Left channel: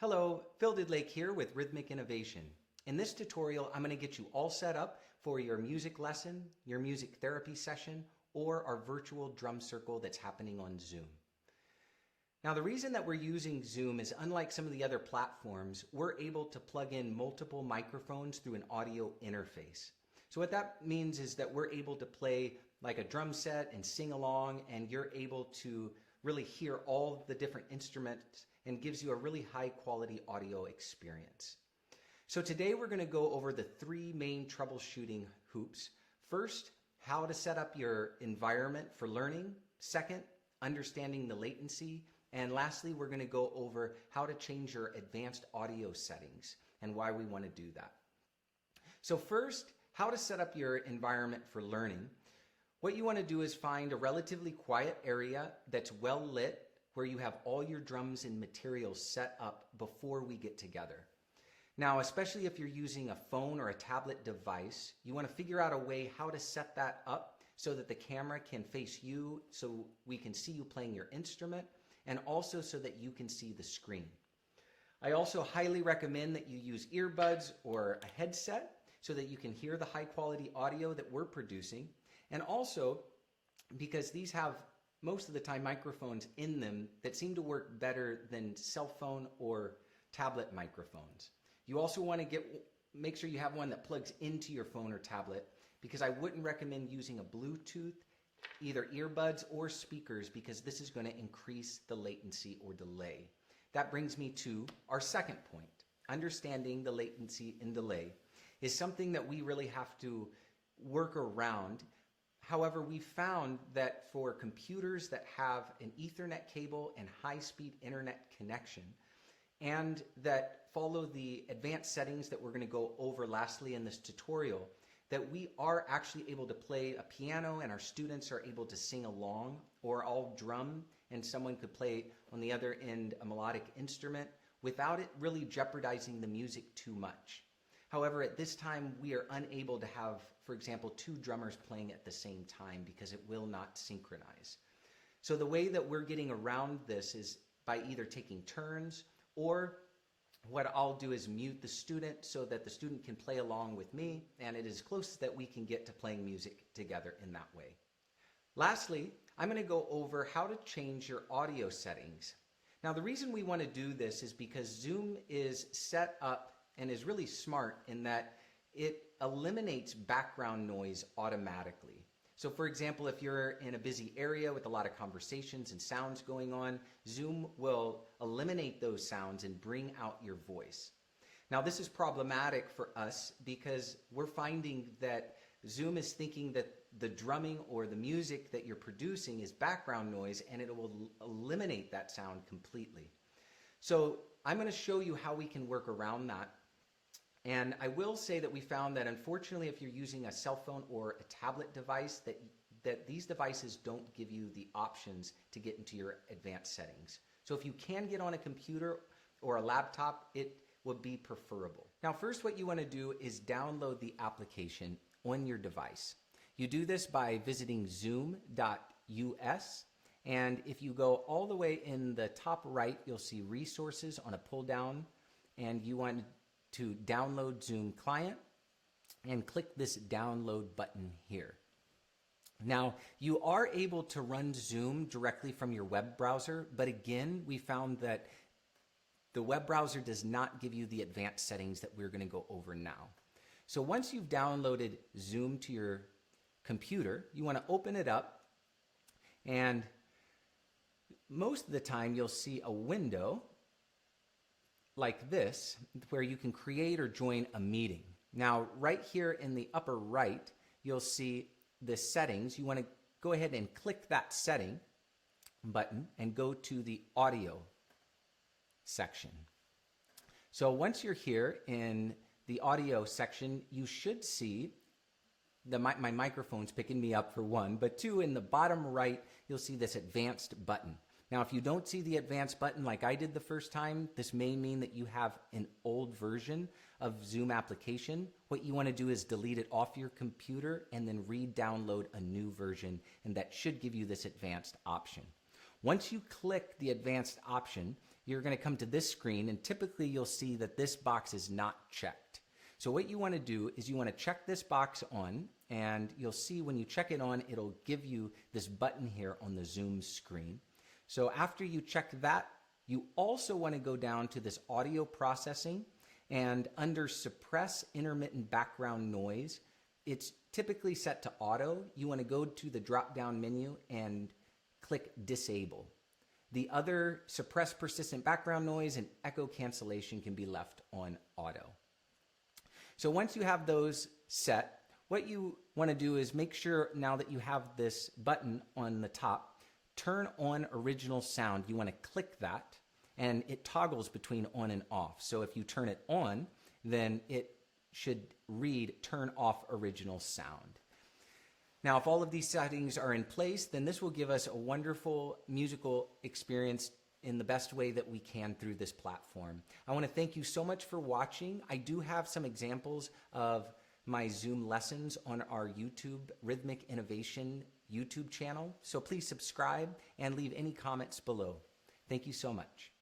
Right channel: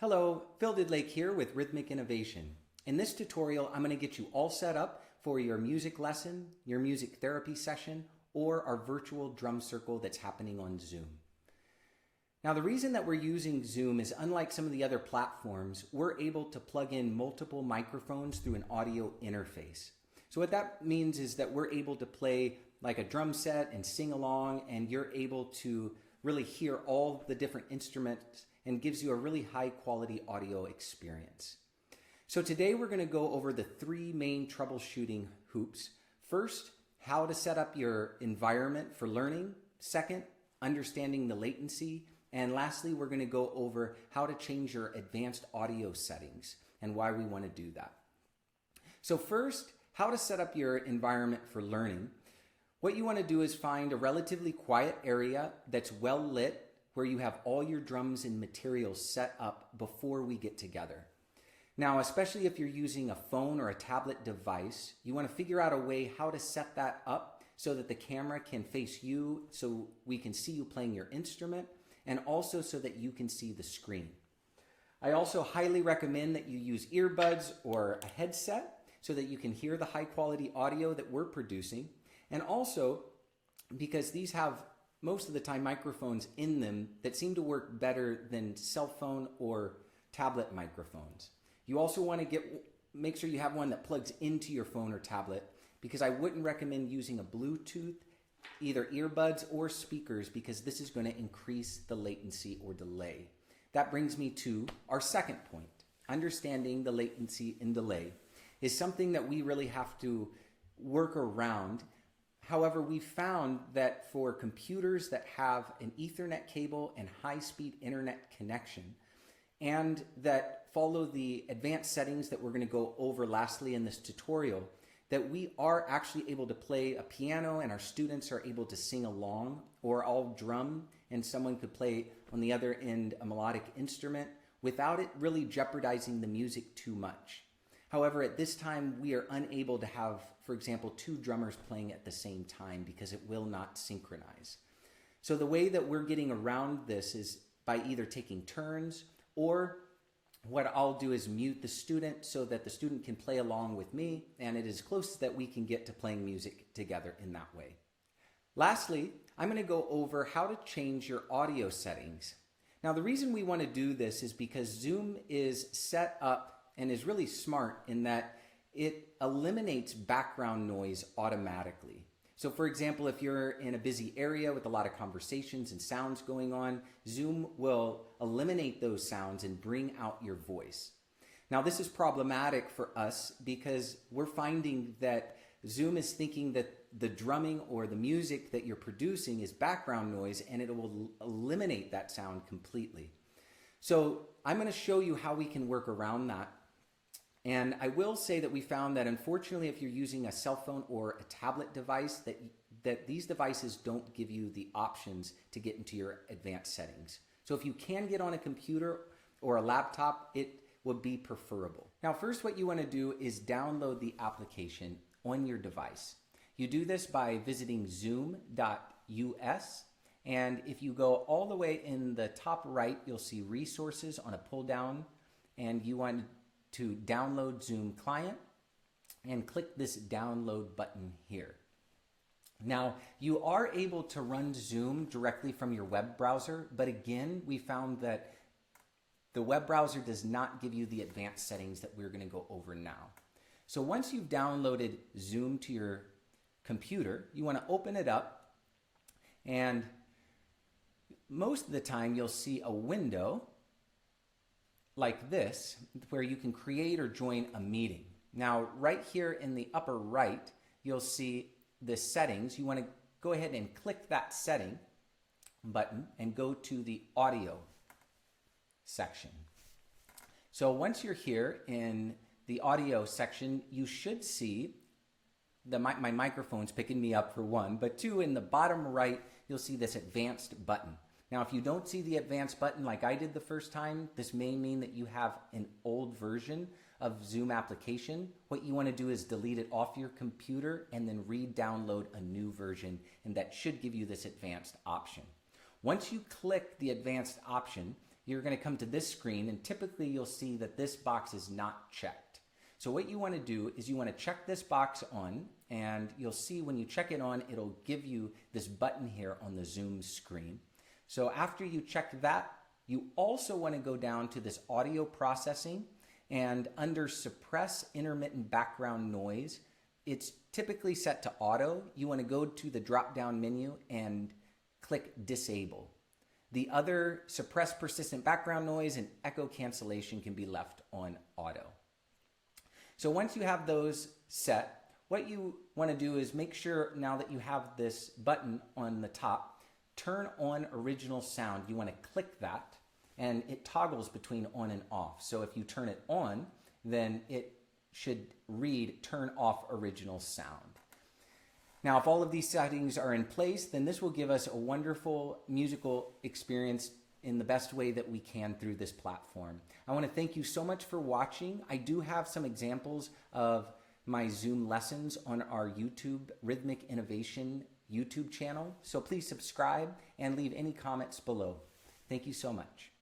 Hello, Phil Didlake here with Rhythmic Innovation. In this tutorial, I'm going to get you all set up for your music lesson, your music therapy session, or our virtual drum circle that's happening on Zoom. Now, the reason that we're using Zoom is unlike some of the other platforms, we're able to plug in multiple microphones through an audio interface. So what that means is that we're able to play like a drum set and sing along, and you're able to really hear all the different instruments and gives you a really high quality audio experience. So today we're going to go over the three main troubleshooting hoops. First, how to set up your environment for learning. Second, understanding the latency. And lastly, we're going to go over how to change your advanced audio settings and why we want to do that. So first, how to set up your environment for learning. What you want to do is find a relatively quiet area that's well lit, where you have all your drums and materials set up before we get together. Now, especially if you're using a phone or a tablet device, you want to figure out a way how to set that up so that the camera can face you, so we can see you playing your instrument, and also so that you can see the screen. I also highly recommend that you use earbuds or a headset so that you can hear the high quality audio that we're producing, and also because these have most of the time microphones in them that seem to work better than cell phone or tablet microphones. You also want to make sure you have one that plugs into your phone or tablet, because I wouldn't recommend using a Bluetooth, either earbuds or speakers, because this is going to increase the latency or delay. That brings me to our second point. Understanding the latency and delay is something that we really have to work around. However, we found that for computers that have an Ethernet cable and high-speed internet connection, and that follow the advanced settings that we're going to go over lastly in this tutorial, that we are actually able to play a piano and our students are able to sing along, or I'll drum and someone could play on the other end a melodic instrument without it really jeopardizing the music too much. However, at this time, we are unable to have, for example, two drummers playing at the same time because it will not synchronize. So the way that we're getting around this is by either taking turns, or what I'll do is mute the student so that the student can play along with me, and it is close that we can get to playing music together in that way. Lastly, I'm going to go over how to change your audio settings. Now, the reason we want to do this is because Zoom is set up and is really smart in that it eliminates background noise automatically. So for example, if you're in a busy area with a lot of conversations and sounds going on, Zoom will eliminate those sounds and bring out your voice. Now, this is problematic for us because we're finding that Zoom is thinking that the drumming or the music that you're producing is background noise, and it will eliminate that sound completely. So I'm going to show you how we can work around that. And I will say that we found that unfortunately, if you're using a cell phone or a tablet device, that these devices don't give you the options to get into your advanced settings. So if you can get on a computer or a laptop, it would be preferable. Now, first, what you want to do is download the application on your device. You do this by visiting zoom.us. And if you go all the way in the top right, you'll see resources on a pull down, and you want to download Zoom client and click this download button here. Now, you are able to run Zoom directly from your web browser, but again, we found that the web browser does not give you the advanced settings that we're going to go over now. So once you've downloaded Zoom to your computer, you want to open it up, and most of the time you'll see a window like this, where you can create or join a meeting. Now, right here in the upper right, you'll see the settings. You want to go ahead and click that setting button and go to the audio section. So once you're here in the audio section, you should see my microphone's picking me up for one, but two, in the bottom right, you'll see this advanced button. Now, if you don't see the advanced button like I did the first time, this may mean that you have an old version of Zoom application. What you want to do is delete it off your computer and then re-download a new version, and that should give you this advanced option. Once you click the advanced option, you're going to come to this screen, and typically you'll see that this box is not checked. So what you want to do is you want to check this box on, and you'll see when you check it on, it'll give you this button here on the Zoom screen. So after you check that, you also want to go down to this audio processing, and under suppress intermittent background noise, it's typically set to auto. You want to go to the drop-down menu and click disable. The other suppress persistent background noise and echo cancellation can be left on auto. So once you have those set, what you want to do is make sure now that you have this button on the top, turn on original sound. You want to click that, and it toggles between on and off. So if you turn it on, then it should read turn off original sound. Now, if all of these settings are in place, then this will give us a wonderful musical experience in the best way that we can through this platform. I want to thank you so much for watching. I do have some examples of my Zoom lessons on our YouTube Rhythmic Innovation YouTube channel. So please subscribe and leave any comments below. Thank you so much.